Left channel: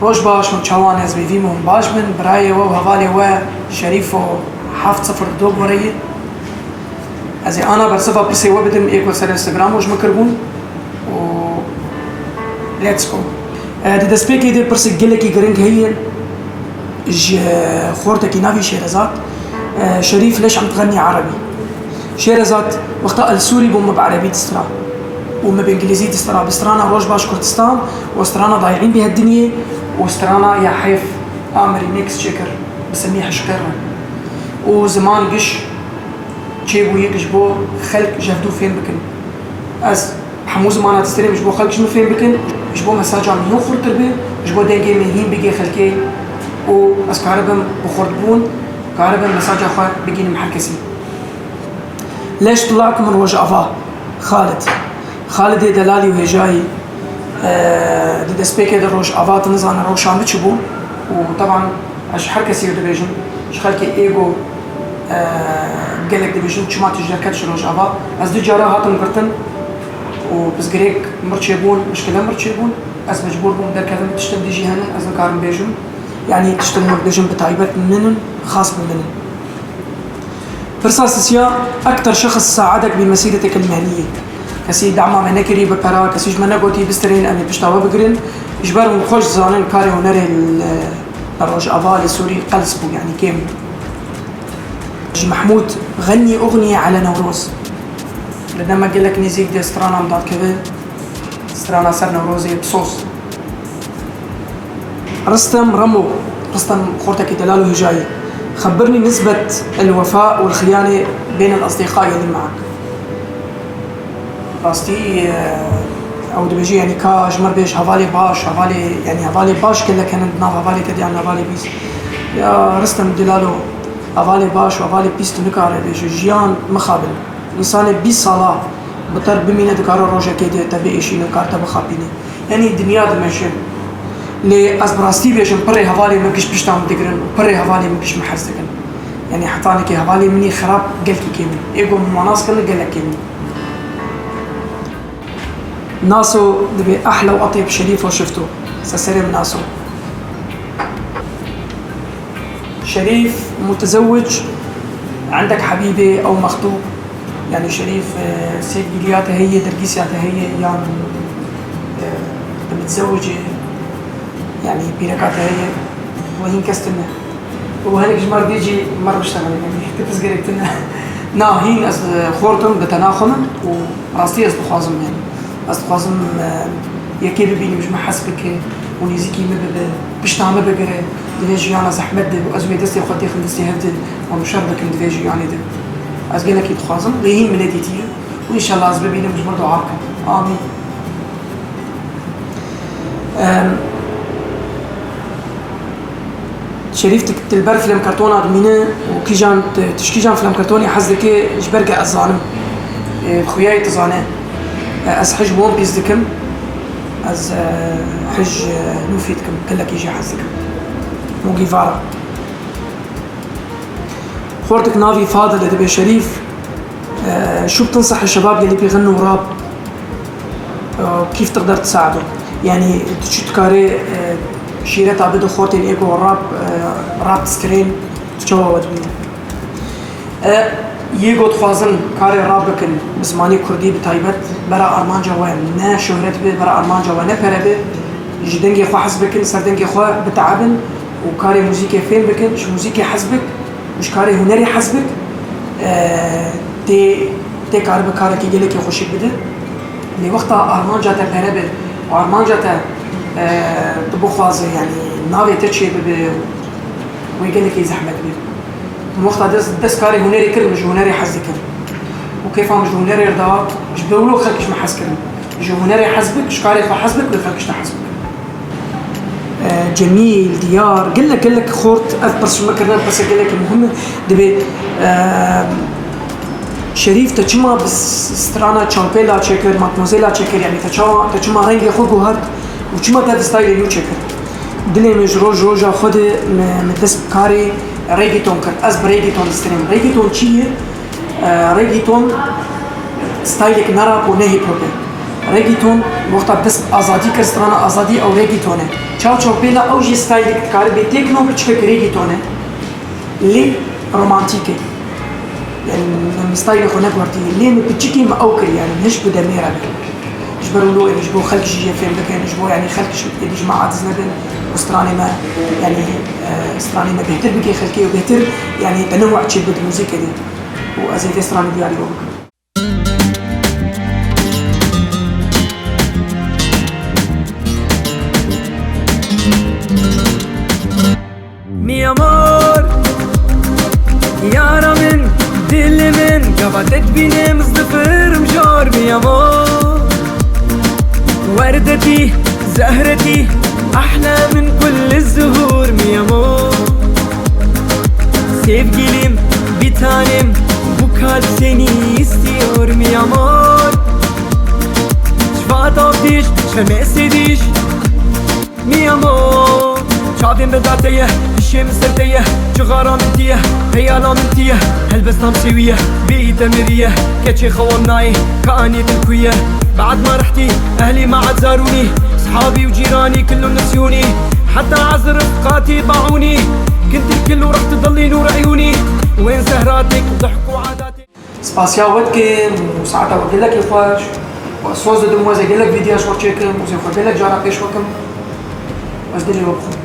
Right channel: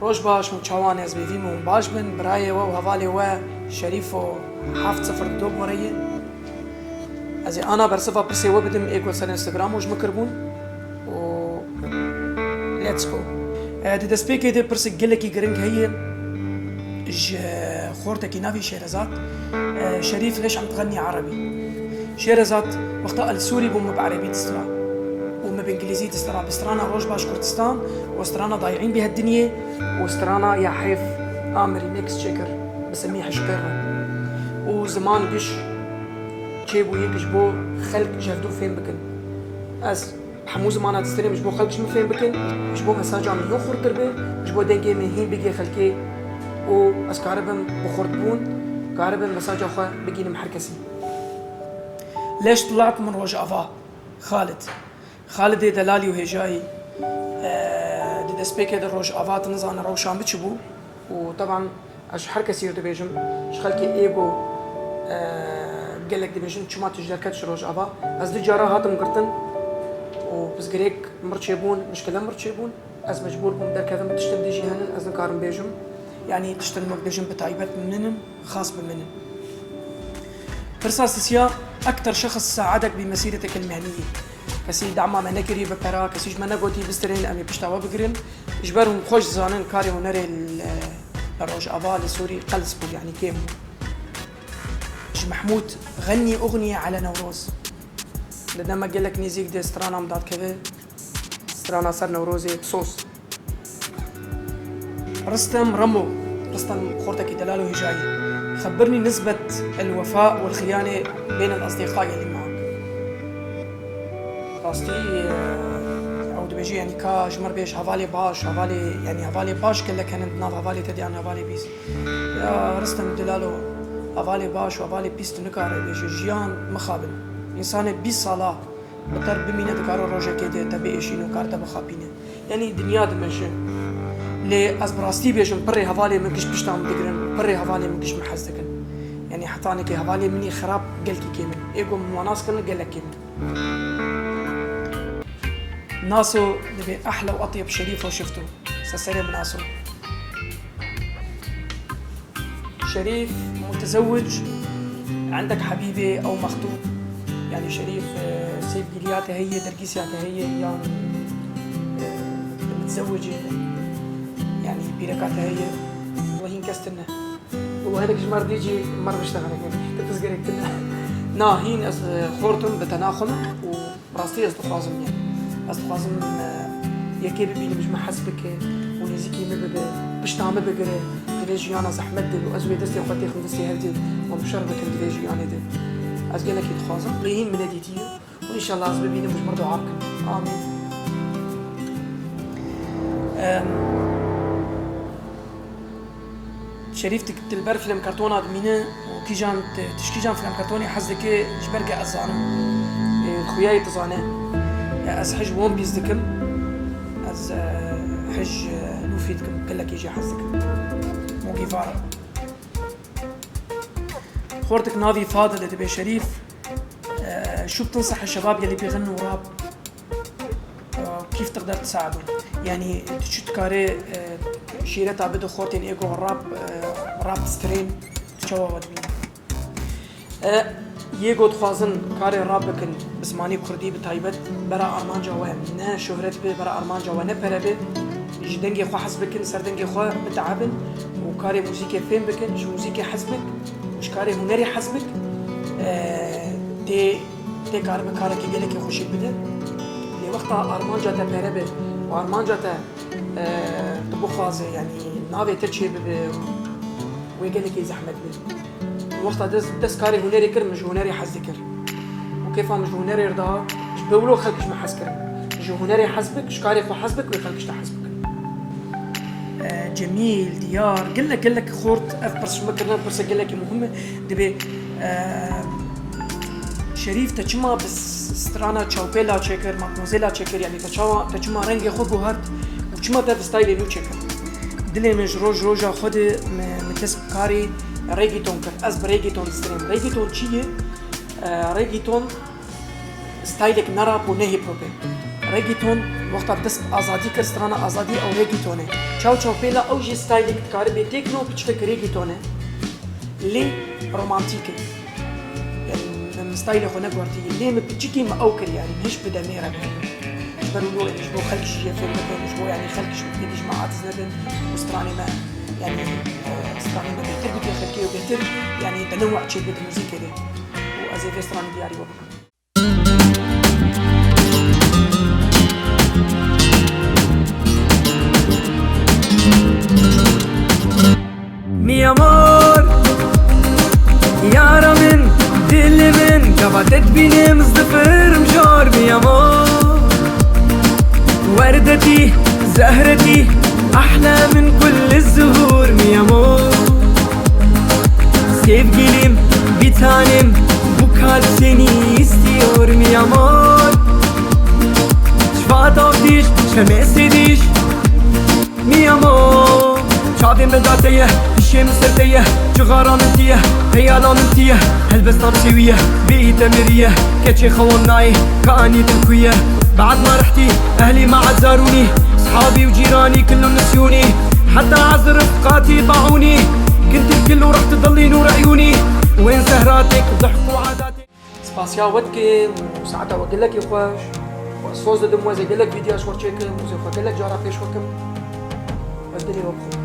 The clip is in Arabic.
روش باش متشوان از بيفيمون باش من برايه وهوالي وشريفو حافظ صفر دوب وريه ازي انا برصفها بسي وبدم ايكو سر انستغرام وش مكربون و ليتس جو دي دسبيكي دي برسك جلكي جرينج هي خورتك نافي شيرزات شريف ليش عم تغني عربي شيرزات وقتها السوري بوم بعربي تسترا وما بانجليزي تسترا بسترانا روج باش كردستان وسترانا ضايعين بهالدنيا وسترانا يا حيف امري نيكس تشيكر بسميه حشكرا وزمان قش تشيبو يقش بو خلق جهدو فين بكن از حمو زمانه تستري مش بو خلق شنو فين بكن مش بو مساجا مهين خور تربي مش بو دنجي مهين بيجي خلقي و از كهربم بخوردبون كهربم مساجا خوا بيجي محركسي ليش طلعت من وجه افا خالد دلالي وهجاي دي دسبيكي دروج افات نزان روشان بتشبو وطبعا اش حركسي ودبيجن اش خلقي ايجو قالك دبيجن شما تجركتش روج افا از دو جارا هاتم قرتن وبس غريك مرتشيبون مشكله مرتشيبون از مجبور بوم در كذا تشتم ديجي هنا از نكارم بيجم يعني تشتم بيجم بتعيبات منن خاص بمنن فرصاصيا اكثر شخص ساعدك بمسيرتك المهنيه كسي دعما منكري بكرا كسيج منغوتي بسترين امي بشتاوا بقرن اجبرهم خوش زانن كاري هنري الروج افا السوري قلصبو يعني كيم محمود غني اغنيه على نوروز لما قال لك نيزيك دي سترانا مضاد كذا سترانا سر نوروزي بصوص رستم خورتك دلال وهجاي خبرني نسبة الوفاء والخيانة بين الأصدقاء اللي معك راستي او دبيجي يعني كا جمر بيش هفالي باش كله كان ناف هفالي كدي عن هفالي بيس يا رستم دلالو هفالي باش وهفالي بيس تنكار بيجي جيان مخابل انسان 20 صلاة بطر بمينة دكارو روجا كيدي تبي اشي نكار تبخابيني يعني الدنيا دمشي لي اسبراستي بيجن بري هفالي مكش بشتام دقرن بري هفالي مكش محزدكن يعني حطاني كي هفالي مني خراب قلكي كيمن ايقو مناس كله قلك كيمن ناسو دبي احلى واطيب شريف وشفته سلام ناسو شريف متزوج عندك حبيبه او مخطوب يعني شريف سيد جلياته هي درقيسياته هي يعني متزوجه يعني بيركاتها هي وهين كستنا وهنك جمار بيجي مره بشتغل يعني تفزقريتنا نا هين از خورتم بتناخم وراستي از بخوازم يعني أصدقائم يكيب بيني مش محسبك ونيزيكي بشتعمل بقرة دنيجي أنا زحمت وأزوي دستي وخطي خلصتي هبت ومشاربك دنيجي يعني ده أزجنا كي تخازم ليهين ملاديتي وإن شاء الله أزبي بيني مش برضو عاقل آمين شريف تلبر فيلم كرتون أدمينه وكي جان تشكي جان فيلم كرتوني حزك إيش برجع الظالم خوياي تظانه از حج وون بيس دكم از حج لوفي دكم كلك يجي حزكم مو جيفارا خورتك نافي فاضل دبي شريف شو بتنصح الشباب يلي بيغنوا راب كيف تقدر تساعده يعني تشتكاري شيرت عبدو خورتين ايجو راب سكرين تشوا ودمي يجو تخازن كاري رابكن بزماني كردي بتايبت برا أرمان جوان نا شهرت به برا أرمان جوان نفر به جدنجي خو حسبكن سردنجي خو بتعبن وكاري موسيقى فين بكن مش موسيقى حسبك مش كاري هنري حسبك تي كاري بكاري كي جلك يخشك بده لوقتها أرمان جاتا بهربه وأرمان جاتا تبخازه يعني نافي تشي به ويجلك يزحمك به وقتها دس كاري هنري كرم مش هنري حزكن وكيف مش هنري رضا مش بيقولوا خلكش ما حسكرم مش هنري حزبك مش كاري فحزبك ولا خلكش تحزبك جميل ديار قل لك خورت بس شو ما كنا بس قل لك المهم دبي شريف تجمع بس سترانا تشامبيلا تشيكر ماتموزيلا تشيكر يعني تجمع رنگ خود جوهر وتجمع تاد ستايل يو تشيكر دلي مش روجا خود متلس كاري ريجيتون كان أز بريجيتون ستريم ريجيتون شيء ريجيتون ستايلك نراب ونهي بروبي ريجيتون وقتا بتسب آزادی کرسترانا آزادی او ريجيتونه چاو چاو پیلا او جی ستایل کار به تکنو بچک ريجيتونه لی رومانتیکه يعني من ستايل خو نقورتي ليه بتشكي ما اوكر يعني مش بدميره جبروا له يجبوا خلق شيء في المكان يجبوا يعني خلق شيء يجي جماعة زندن واستراني ما يعني استراني ما بيهتر بكي خلقي وبيهتر يعني بنوع شيء بالموسيقى دي وأزيد استراني ديالي بوبك Mi amor يارا من دل من قبضت بيني مصدفر مجار mi amor وردتي زهرتي أحلى من كل الزهور mi amor Sevgilim bir tanem bu kalp seni istiyor mi amor شفات آفتيش شمسديش mi amor شعبين بداتيه الشمس سرتيه جغارة منتيه هيالا منتيه هلبس نمسويه بيئة مريه كتشي خوالناي كأني تلكويه بعد ما رحتي أهلي ما عاد زاروني صحابي وجيراني كلهم نسيوني حتى عز رفقاتي باعوني كنت الكل ورحت تضلي نور عيوني وين سهراتك وضحك وعاداتك سباسيا ودكم وساعتها وقل لك يفاش وأسواز دموازي قل لك فيديوش ورشيكم وزي وقل لك جارة بيش وكم بس دلي وقفوا